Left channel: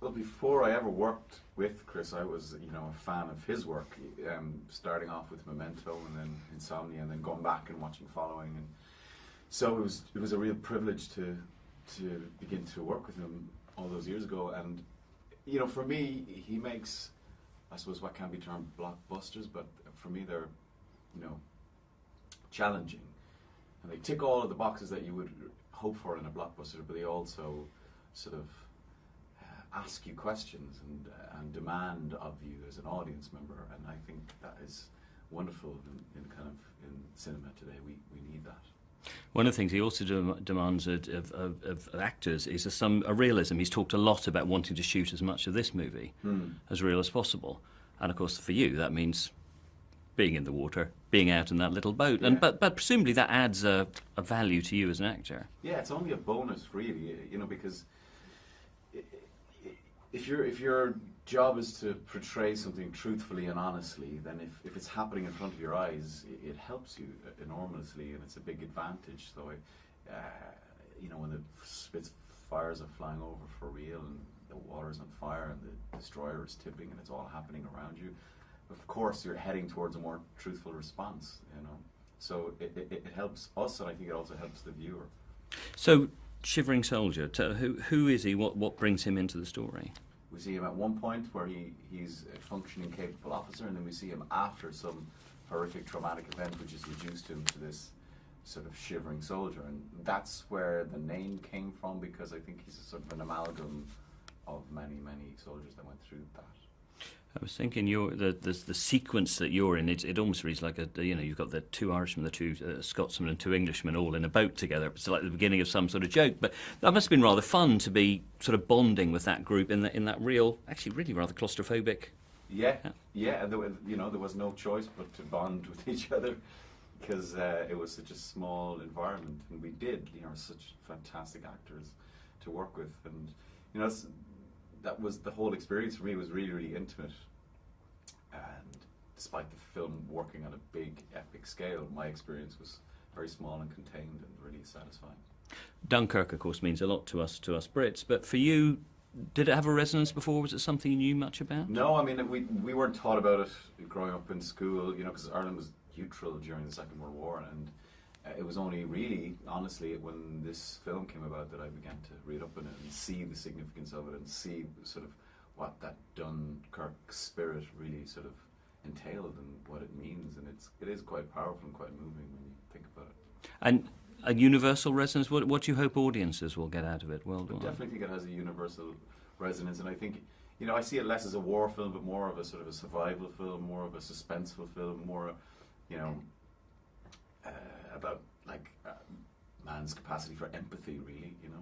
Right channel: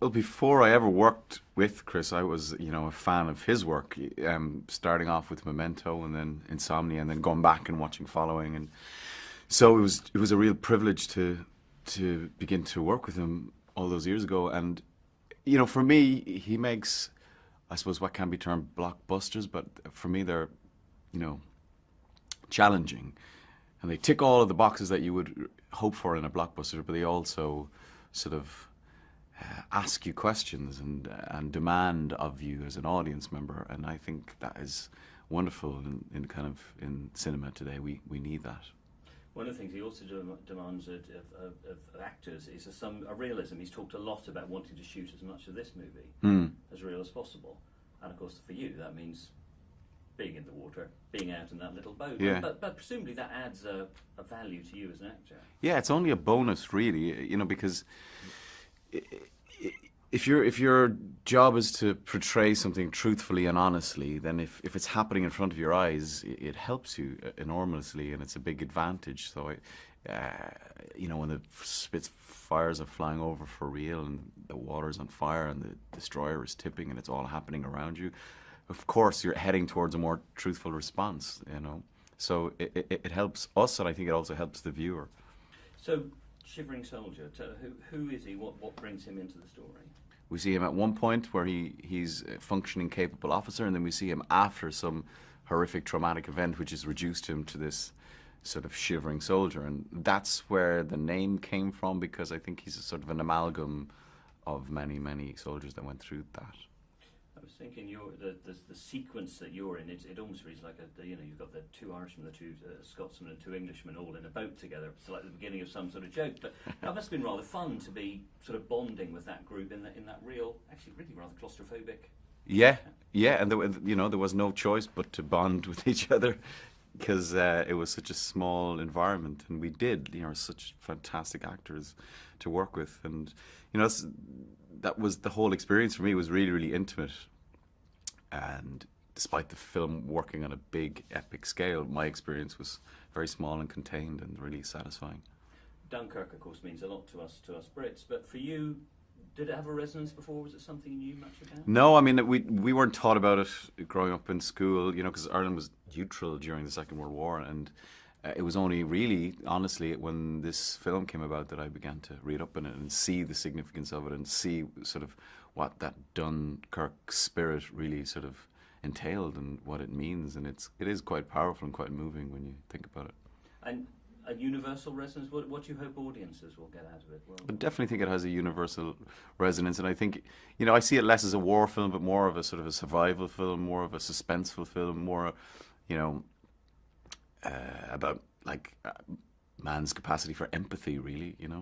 Well, before I ever worked with Chris, I was, a fan of his work. Starting off with Memento, and then Insomnia, and then going back and watching Following, and so it was a real privilege to begin to work with him all those years ago. And for me, he makes, I suppose, what can be termed blockbusters, but for me, they're, you know, challenging, and they tick all of the boxes that you would hope for in a blockbuster, but they also sort of ask you questions and demand of you as an audience member, and I think that is wonderful in cinema today. We need that. One of the things he also demands of actors is a realism. He's talked a lot about wanting to shoot as much of this movie as real as possible, and of course for you that means being in the water, being out in that little boat. Yeah. But presumably that adds a value to you as an actor. Yeah, it's only a bonus, really, because if your job is to portray something truthfully and honestly, then if it's happening in front of your eyes, it helps you enormously, and it's a big advantage. So, when the Spitfires are flying over for real, and the water's on fire, and the destroyer is tipping, and it's all happening around you, of course you're heading towards a more truthful response. So it helps us, and I think it also helps the viewer. So, Shivering Soldier, who is he? What brings him into the story? We see him at one point where he's a functioning, capable officer, and then we see him after some horrific traumatic event which has reduced him to this sort of shivering soldier. And that's where the name came from, because I think he's a sort of an amalgam of many, many soldiers that went through that. I was thinking the sequence that you're in, it almost reads like you've got the two Irishmen, the two Scotsmen and two Englishmen all in a boat together. It's like the beginning of some sort of joke. But that must have been rather fun to be sort of bonding with that group in that real, actually really rather claustrophobic. Yeah, and there was no choice but to bond with each other, because it was such a small environment, and we did, such fantastic actors to work with, and that was the whole experience for me. It was really, really intimate, and despite the film working on a big epic scale, my experience was very small and contained and really satisfying. Dunkirk, of course, means a lot to us Brits, but for you, did it have a resonance before? Was it something you knew much about? No, I mean, we weren't taught about it growing up in school, because Ireland was neutral during the Second World War, and it was only really, honestly, when this film came about that I began to read up on it and see the significance of it, and see sort of what that Dunkirk spirit really sort of entailed and what it means. And it is quite powerful and quite moving when you think about it. And a universal resonance, what do you hope audiences will get out of it? I definitely think it has a universal resonance, and I think, I see it less as a war film, but more of a sort of a survival film, more of a suspenseful film, more, about like man's capacity for empathy, really,